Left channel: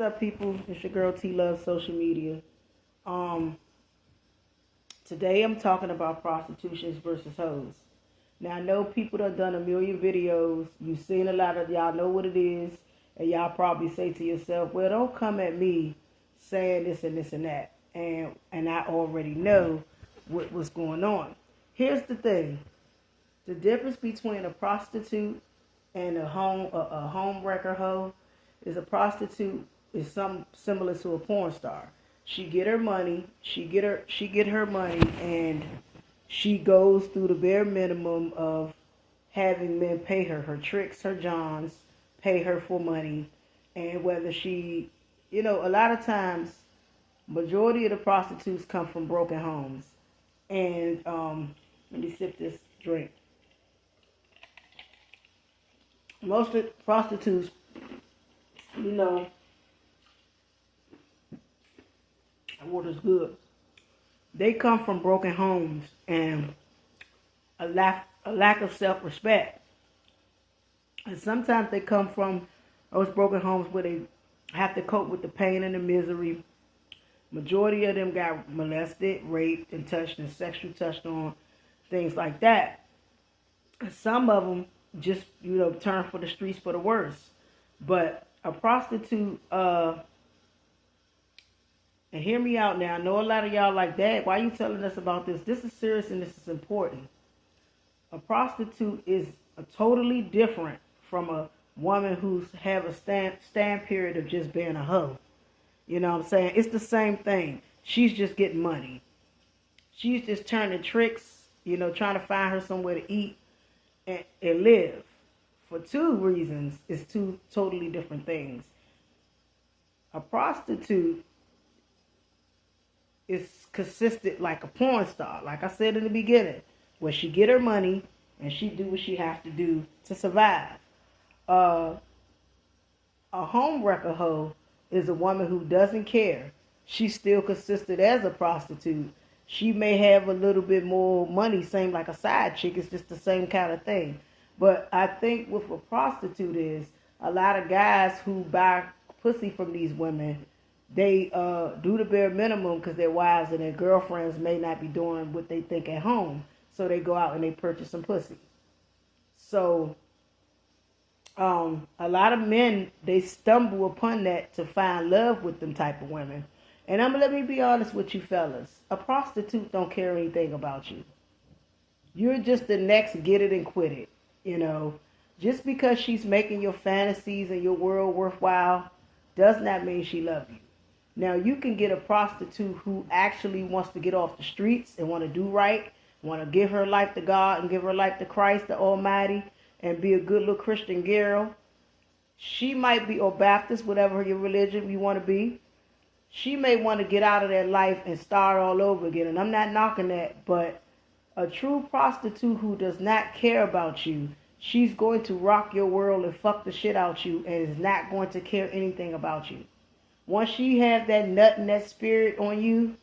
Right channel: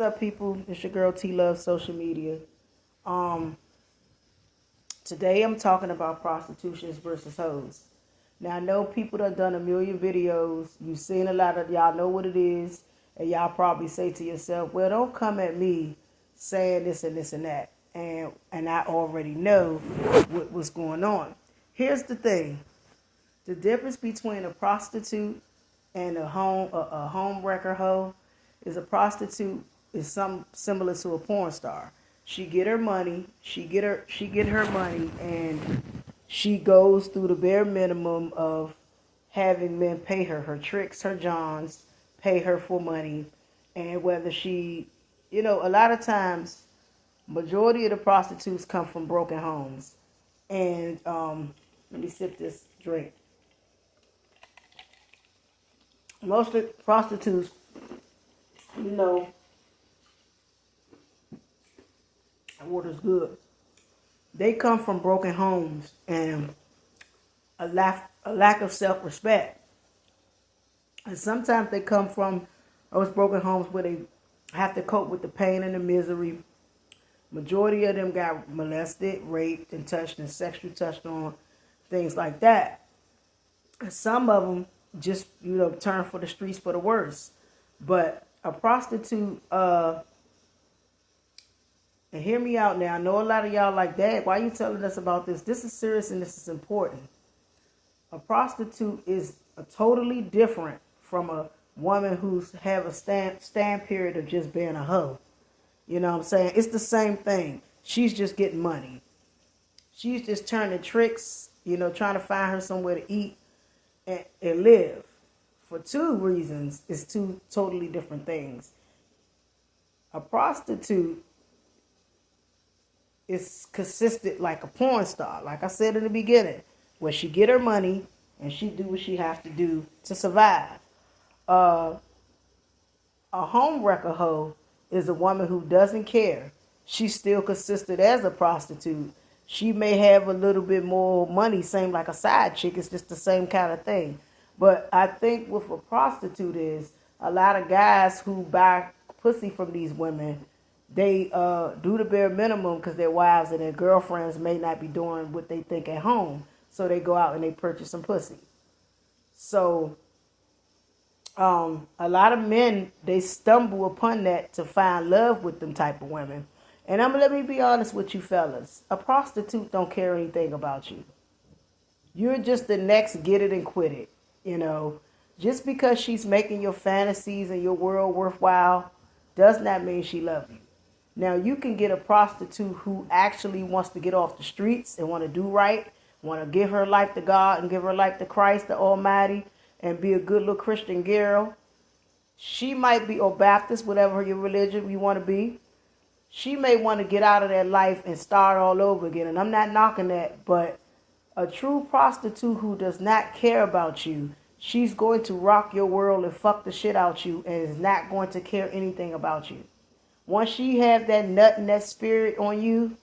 What's up, people? It's your girl T Love Social Media. Um, Today I'm talking about prostitutions versus hoes. Now I know people that done a million videos. You've seen a lot of y'all know what it is, and y'all probably say to yourself, "Well, don't come at me saying this and this and that." And I already know what's going on. Here's the thing: the difference between a prostitute and a home wrecker hoe is a prostitute is something similar to a porn star. She get her money, she get her money, and she goes through the bare minimum of having men pay her tricks, her johns, pay her for money, and whether she, a lot of times, majority of the prostitutes come from broken homes, and let me sip this drink. Most of the prostitutes, you know, water's good. They come from broken homes and a lack of self-respect. And sometimes they come from those broken homes where they have to cope with the pain and the misery. Majority of them got molested, raped, and touched and sexually touched on, things like that. And some of them just, turn for the streets for the worse. But a prostitute, and hear me out now. I know a lot of y'all like, "Dad, why are you telling us about this? This is serious and this is important." A prostitute is a totally different from a woman who's have a stand period of just being a hoe. You know what I'm saying? It's the same thing. She's just getting money. She's just turning tricks, trying to find her somewhere to eat and live. For two reasons, it's two totally different things. A prostitute is consistent like a porn star, like I said in the beginning, where she get her money and she do what she have to do to survive. A home wrecker hoe is a woman who doesn't care. She's still consistent as a prostitute. She may have a little bit more money, same like a side chick. It's just the same kind of thing. But I think with a prostitute is a lot of guys who buy pussy from these women, they do the bare minimum because their wives and their girlfriends may not be doing what they think at home. So they go out and they purchase some pussy. So a lot of men, they stumble upon that to find love with them type of women. And let me be honest with you fellas. A prostitute don't care anything about you. You're just the next get it and quit it. Just because she's making your fantasies and your world worthwhile does not mean she loves you. Now, you can get a prostitute who actually wants to get off the streets and want to do right, want to give her life to God and give her life to Christ, the Almighty, and be a good little Christian girl. She might be, or Baptist, whatever your religion you want to be. She may want to get out of that life and start all over again. And I'm not knocking that, but a true prostitute who does not care about you, she's going to rock your world and fuck the shit out you and is not going to care anything about you. Once she have that nut and that spirit on you,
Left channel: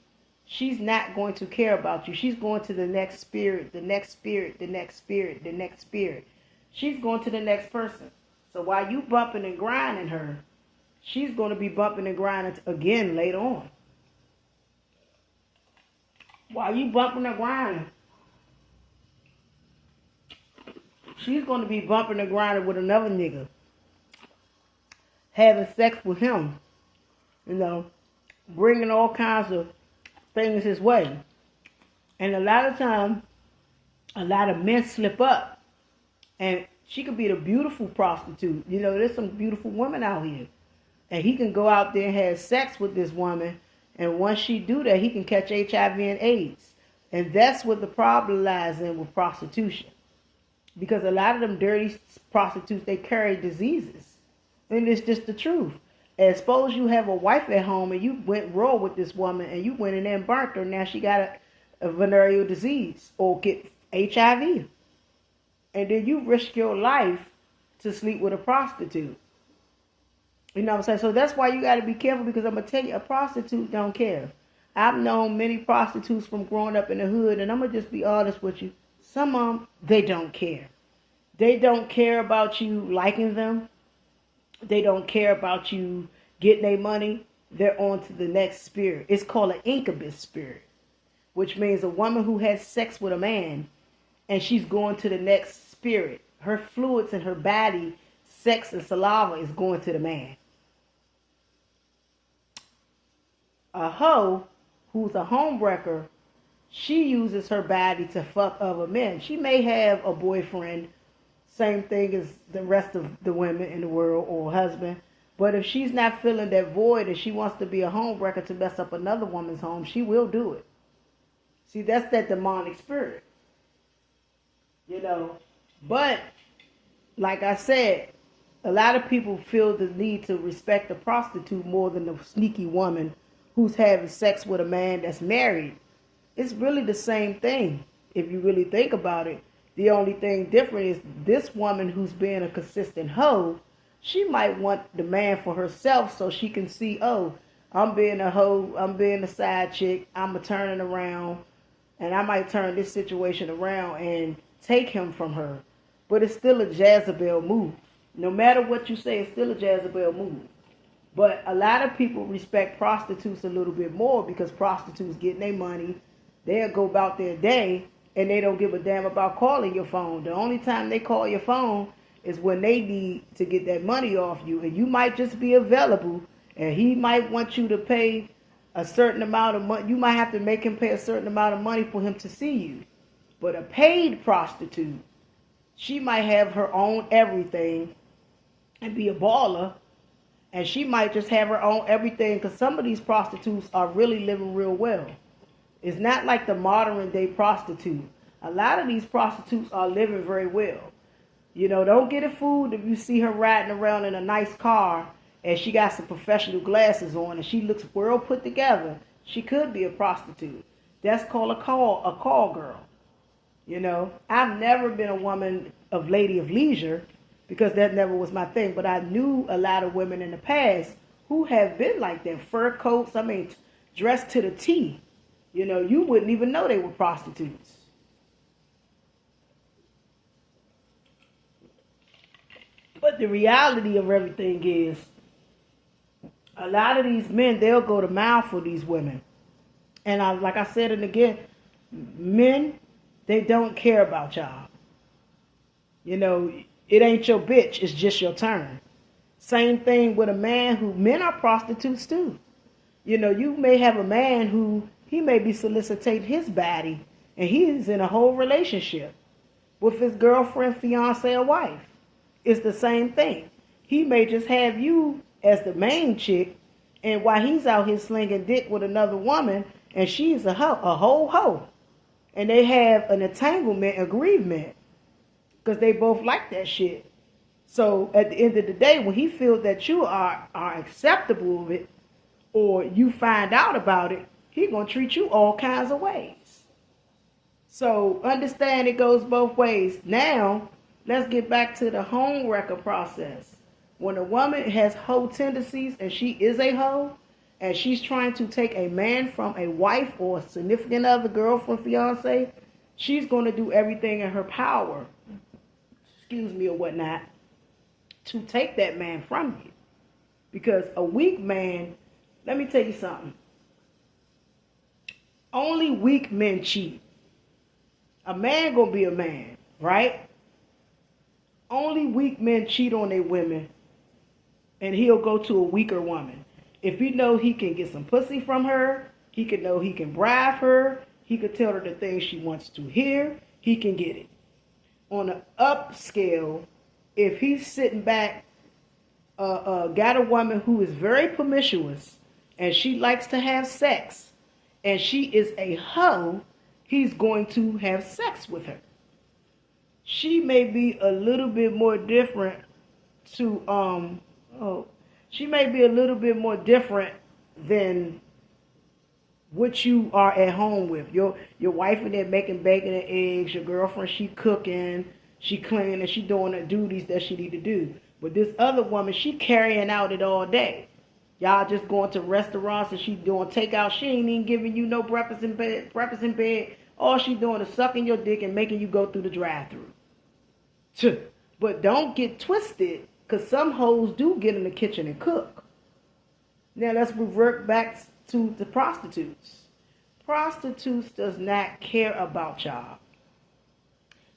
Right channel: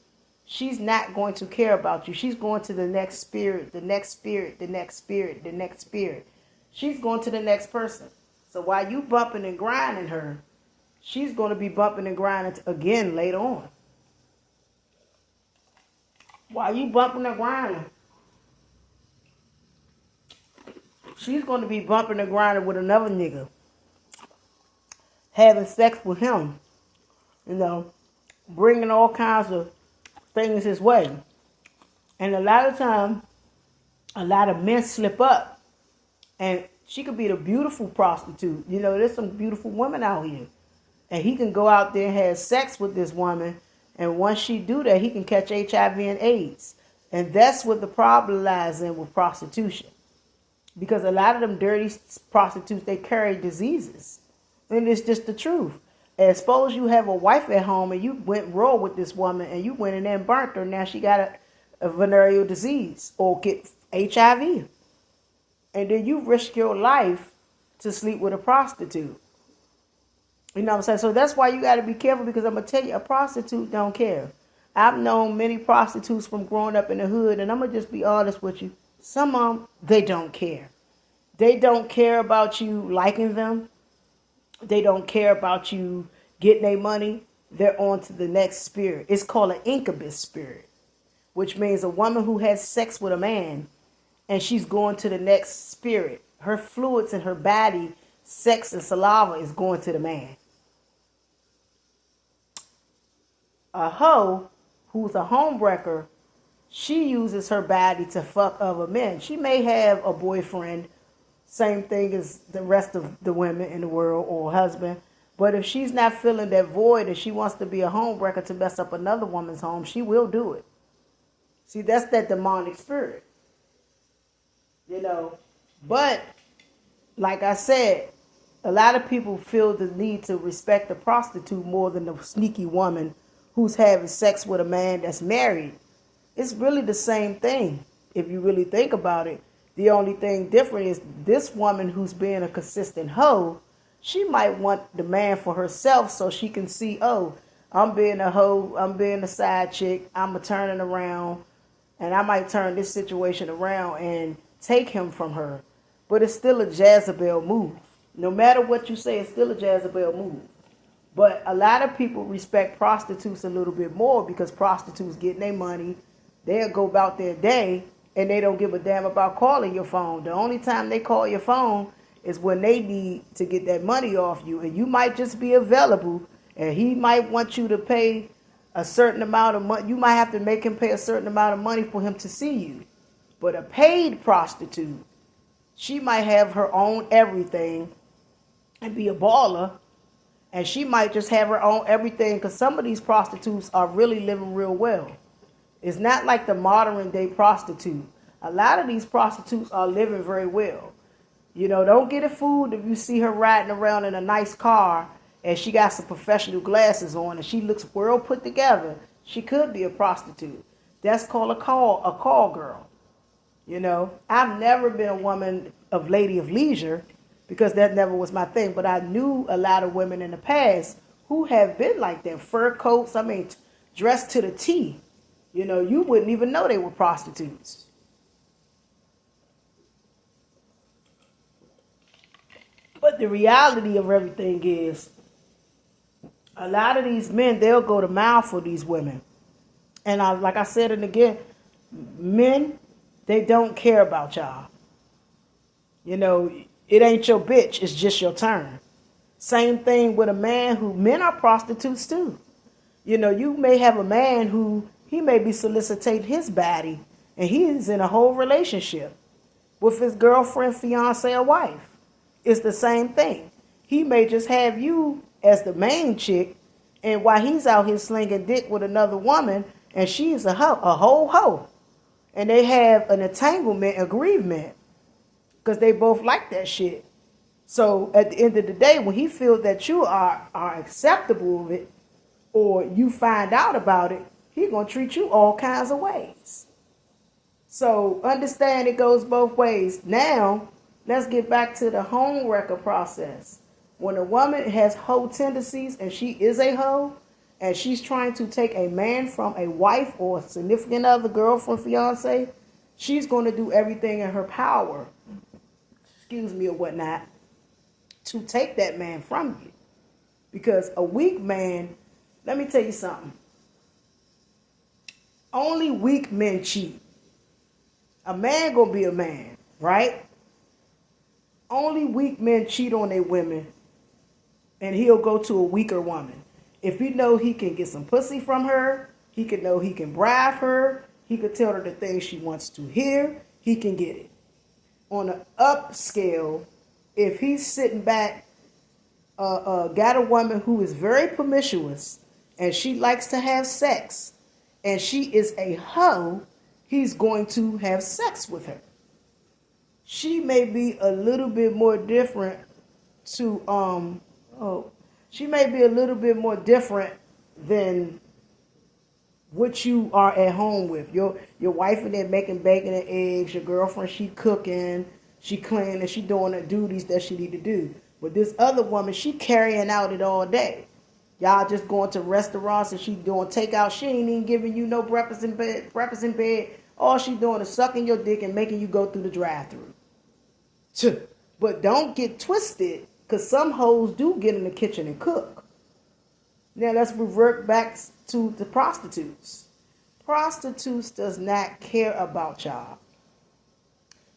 she's not going to care about you. She's going to the next spirit, the next spirit, the next spirit, the next spirit. She's going to the next person. So while you bumping and grinding her, she's going to be bumping and grinding again later on. While you bumping and grinding, she's going to be bumping and grinding with another nigga, having sex with him, bringing all kinds of things his way. And a lot of times, a lot of men slip up. And she could be the beautiful prostitute. There's some beautiful women out here. And he can go out there and have sex with this woman. And once she do that, he can catch HIV and AIDS. And that's what the problem lies in with prostitution. Because a lot of them dirty prostitutes, they carry diseases. And it's just the truth. And suppose you have a wife at home and you went raw with this woman and you went in there and burnt her. Now she got a venereal disease or get HIV. And then you risk your life to sleep with a prostitute. You know what I'm saying? So that's why you got to be careful, because I'm going to tell you, a prostitute don't care. I've known many prostitutes from growing up in the hood, and I'm going to just be honest with you. Some of them, they don't care. They don't care about you liking them. They don't care about you getting their money, they're on to the next spirit. It's called an incubus spirit, which means a woman who has sex with a man and she's going to the next spirit. Her fluids in her body, sex and saliva is going to the man. A hoe who's a homewrecker, she uses her body to fuck other men. She may have a boyfriend, same thing as the rest of the women in the world, or a husband. But if she's not filling that void and she wants to be a homewrecker to mess up another woman's home, she will do it. See, that's that demonic spirit. But like I said, a lot of people feel the need to respect the prostitute more than the sneaky woman who's having sex with a man that's married. It's really the same thing if you really think about it. The only thing different is this woman who's being a consistent hoe, she might want the man for herself so she can see, oh, I'm being a hoe, I'm being a side chick, I'm a turning around, and I might turn this situation around and take him from her. But it's still a Jezebel move. No matter what you say, it's still a Jezebel move. But a lot of people respect prostitutes a little bit more because prostitutes getting their money. They'll go about their day and they don't give a damn about calling your phone. The only time they call your phone is when they need to get that money off you. And you might just be available and he might want you to pay a certain amount of money. You might have to make him pay a certain amount of money for him to see you. But a paid prostitute, she might have her own everything and be a baller. And she might just have her own everything because some of these prostitutes are really living real well. It's not like the modern day prostitute. A lot of these prostitutes are living very well. Don't get it fooled if you see her riding around in a nice car and she got some professional glasses on and she looks well put together. She could be a prostitute. That's called a call girl. I've never been a woman of lady of leisure because that never was my thing. But I knew a lot of women in the past who have been like that. Fur coats, dressed to the T. You wouldn't even know they were prostitutes. But the reality of everything is a lot of these men, they'll go to mile for these women. And like I said it again, men, they don't care about y'all. It ain't your bitch, it's just your turn. Same thing with a man men are prostitutes too. You may have a man who, he may be soliciting his body and he's in a whole relationship with his girlfriend, fiance, or wife. It's the same thing. He may just have you as the main chick, and while he's out here slinging dick with another woman, and she's a whole hoe. And they have an entanglement agreement because they both like that shit. So at the end of the day, when he feels that you are acceptable of it, or you find out about it, he's going to treat you all kinds of ways. So understand it goes both ways. Now, let's get back to the home wrecker process. When a woman has hoe tendencies and she is a hoe, and she's trying to take a man from a wife or a significant other, girlfriend, fiance, she's going to do everything in her power, or whatnot, to take that man from you. Because a weak man, let me tell you something. Only weak men cheat. A man gonna be a man, right? Only weak men cheat on their women, and he'll go to a weaker woman. If he know he can get some pussy from her, he can bribe her, he can tell her the things she wants to hear, he can get it. On an upscale, if he's sitting back, got a woman who is very promiscuous, and she likes to have sex, and she is a hoe, he's going to have sex with her. She may be a little bit more different than what you are at home with. Your wife in there making bacon and eggs, your girlfriend, she cooking, she cleaning, she doing the duties that she need to do. But this other woman, she carrying out it all day. Y'all just going to restaurants and she doing takeout. She ain't even giving you no breakfast in bed. All she doing is sucking your dick and making you go through the drive-thru. But don't get twisted, because some hoes do get in the kitchen and cook. Now let's revert back to the prostitutes. Prostitutes does not care about y'all.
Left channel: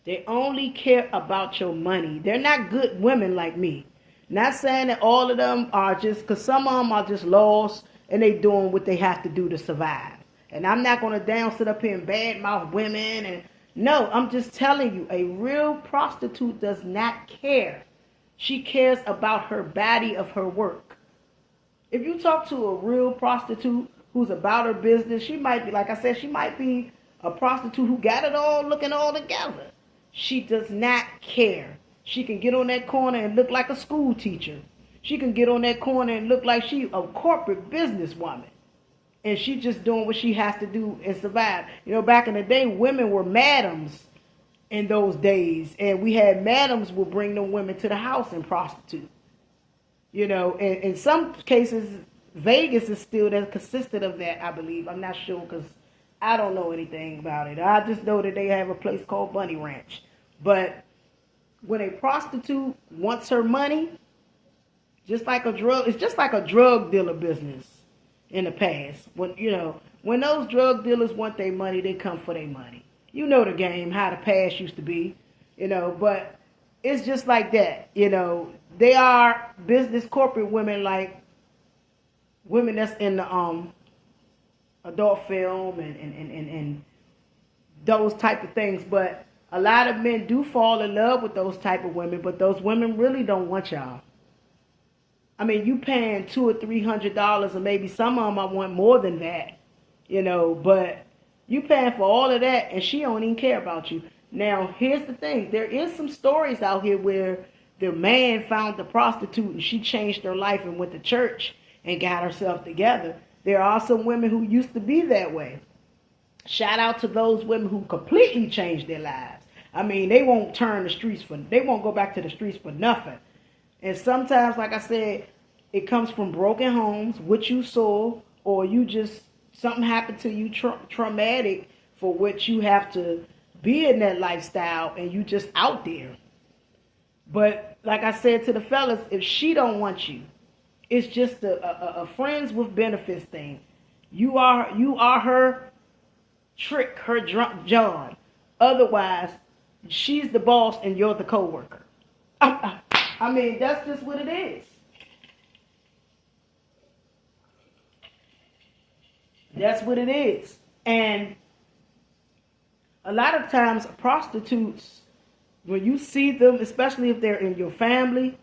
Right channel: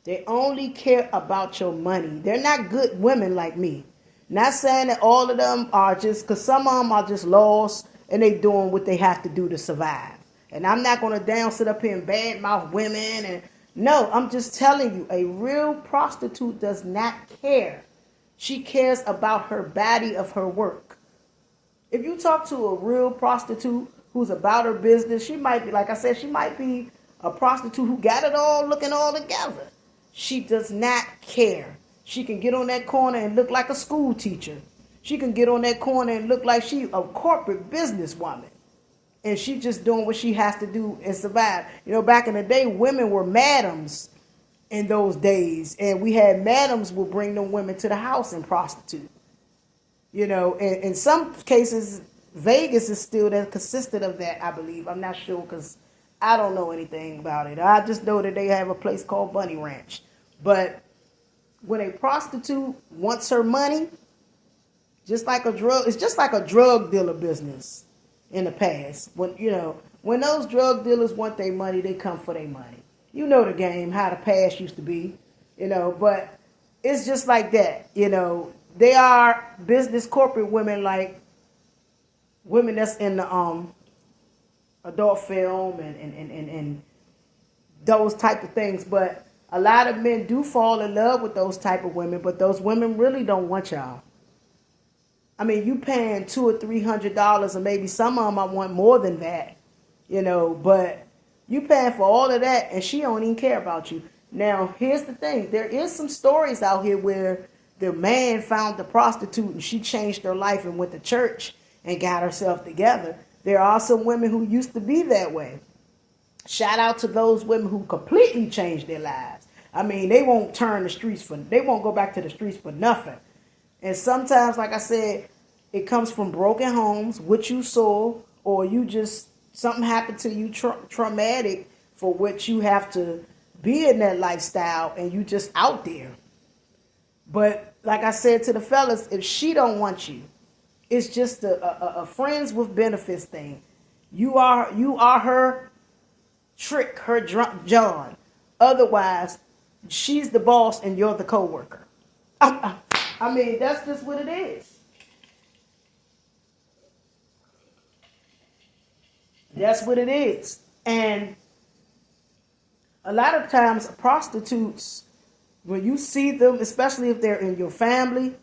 They only care about your money. They're not good women like me. Not saying that all of them are just, because some of them are just lost and they doing what they have to do to survive. And I'm not going to sit up here and badmouth women. And no, I'm just telling you, a real prostitute does not care. She cares about her body of her work. If you talk to a real prostitute who's about her business, she might be, like I said, she might be a prostitute who got it all looking all together. She does not care. She can get on that corner and look like a school teacher. She can get on that corner and look like she a corporate businesswoman. And she just doing what she has to do and survive. You know, back in the day, women were madams in those days. And we had madams would bring them women to the house and prostitute. You know, and in some cases, Vegas is still that consistent of that, I believe. I'm not sure because I don't know anything about it. I just know that they have a place called Bunny Ranch. But when a prostitute wants her money, just like a drug, it's just like a drug dealer business in the past. When those drug dealers want their money, they come for their money. You know the game, how the past used to be, but it's just like that. They are business corporate women, like women that's in the adult film and those type of things. But a lot of men do fall in love with those type of women, but those women really don't want y'all. I mean, you paying $200 or $300, or maybe some of them I want more than that, but you paying for all of that and she don't even care about you. Now, here's the thing. There is some stories out here where the man found the prostitute and she changed her life and went to church and got herself together. There are some women who used to be that way. Shout out to those women who completely changed their lives. I mean, they won't they won't go back to the streets for nothing. And sometimes, like I said, it comes from broken homes, what you saw, or you just, something happened to you traumatic for which you have to be in that lifestyle and you just out there. But like I said to the fellas, if she don't want you, it's just a friends with benefits thing. You are her trick, her drunk John. Otherwise, she's the boss and you're the co-worker. I mean, that's just what it is. That's what it is. And a lot of times prostitutes, when you see them, especially if they're in your family,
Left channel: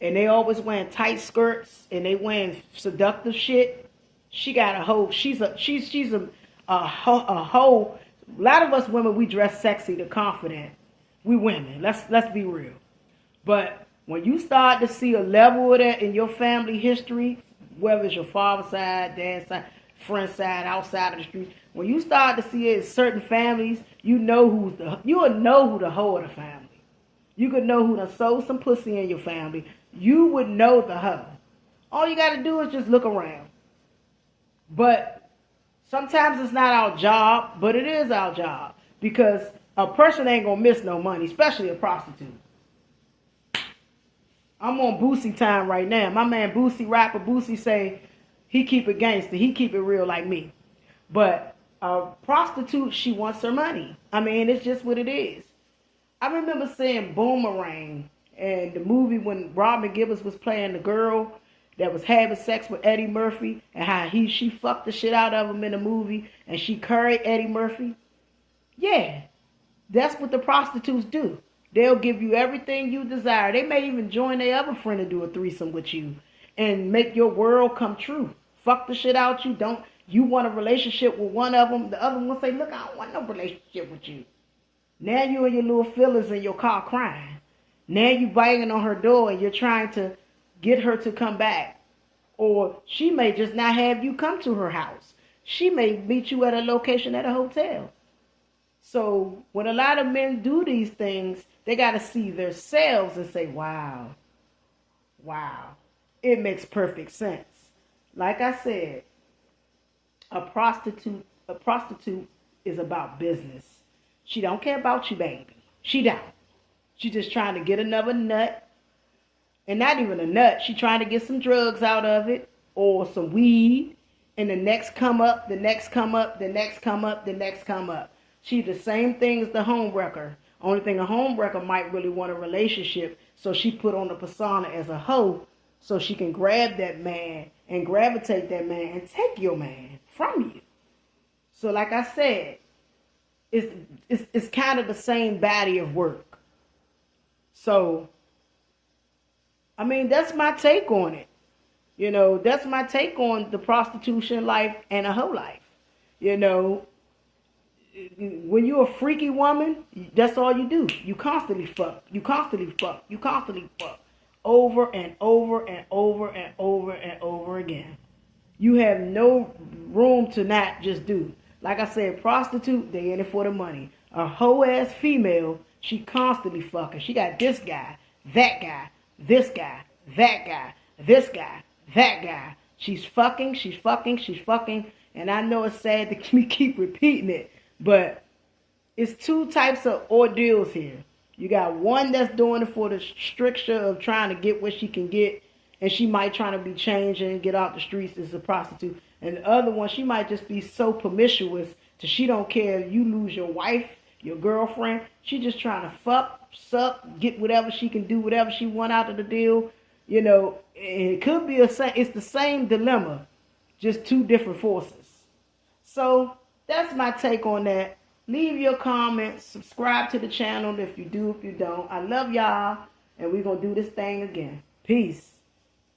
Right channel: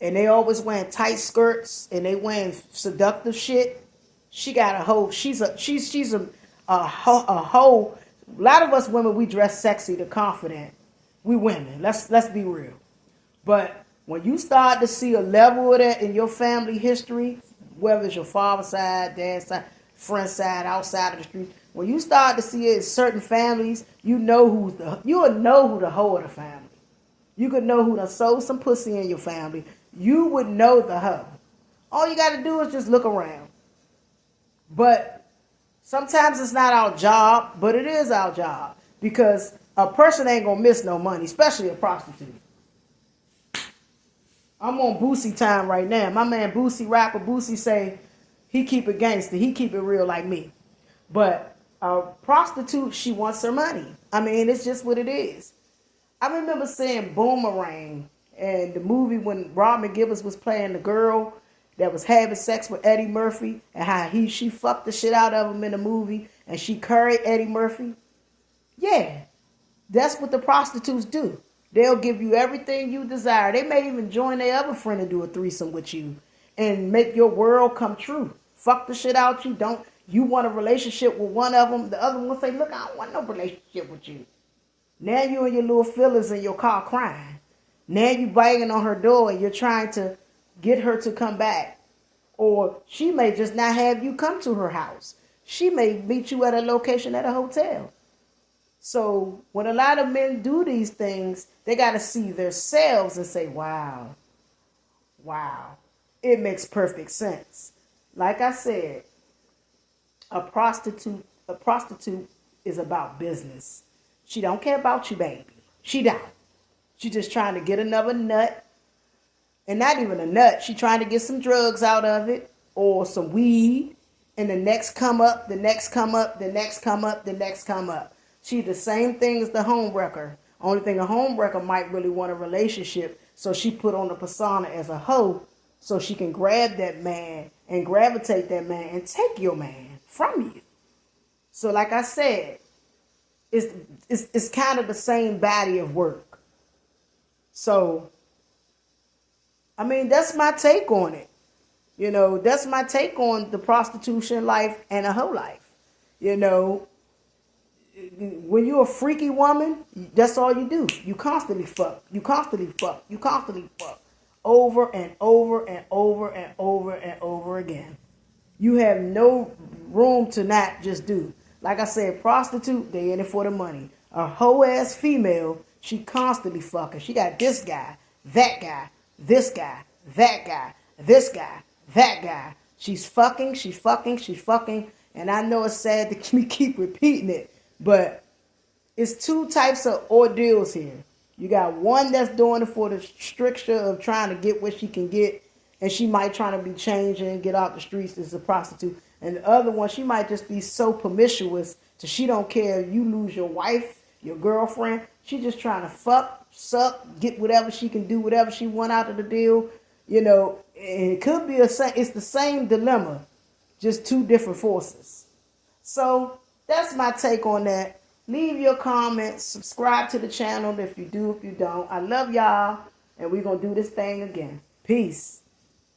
and they always wearing tight skirts and they wearing seductive shit, she got a hoe. She's a hoe. A lot of us women, we dress sexy to confident. We women. Let's be real. But when you start to see a level of that in your family history, whether it's your father's side, dad's side, friend's side, outside of the street, when you start to see it in certain families, you will know who the hoe of the family. You could know who done sold some pussy in your family. You would know the hoe. All you got to do is just look around. But sometimes it's not our job, but it is our job. Because a person ain't going to miss no money, especially a prostitute. I'm on Boosie time right now. My man Boosie, rapper Boosie, say he keep it gangster. He keep it real like me. But a prostitute, she wants her money. I mean, it's just what it is. I remember seeing Boomerang and the movie when Robin Gibbons was playing the girl that was having sex with Eddie Murphy and how she fucked the shit out of him in the movie and she curried Eddie Murphy. Yeah, that's what the prostitutes do. They'll give you everything you desire. They may even join their other friend to do a threesome with you and make your world come true. Fuck the shit out you. You want a relationship with one of them. The other one will say, look, I don't want no relationship with you. Now you and your little feelings in your car crying. Now you banging on her door and you're trying to get her to come back. Or she may just not have you come to her house. She may meet you at a location at a hotel. So when a lot of men do these things, they got to see themselves and say, wow, it makes perfect sense. Like I said, a prostitute is about business. She don't care about you, baby. She don't. She just trying to get another nut. And not even a nut. She trying to get some drugs out of it. or some weed, and the next come up, the next come up, the next come up, the next come up. She the same thing as the homewrecker. Only thing a homewrecker might really want a relationship, so she put on the persona as a hoe so she can grab that man and gravitate that man and take your man from you. So like I said, it's kind of the same body of work. So, I mean, that's my take on it. You know, that's my take on the prostitution life and a hoe life. You know, when you're a freaky woman, that's all you do. You constantly fuck. You constantly fuck. You constantly fuck. Over and over and over and over and over again. You have no room to not just do. Like I said, prostitute, they in it for the money. A hoe-ass female, she constantly fucking. She got this guy, that guy, this guy, that guy, this guy, that guy. She's fucking, she's fucking, she's fucking. And I know it's sad to keep repeating it, but it's two types of ordeals here. You got one that's doing it for the stricture of trying to get what she can get, and she might try to be changed and get out the streets as a prostitute. And the other one, she might just be so promiscuous that she don't care if you lose your wife, your girlfriend. She just trying to fuck, suck, get whatever she can do, whatever she want out of the deal. You know, it could be it's the same dilemma, just two different forces. So that's my take on that. Leave your comments, subscribe to the channel if you do, if you don't. I love y'all, and we're going to do this thing again. Peace.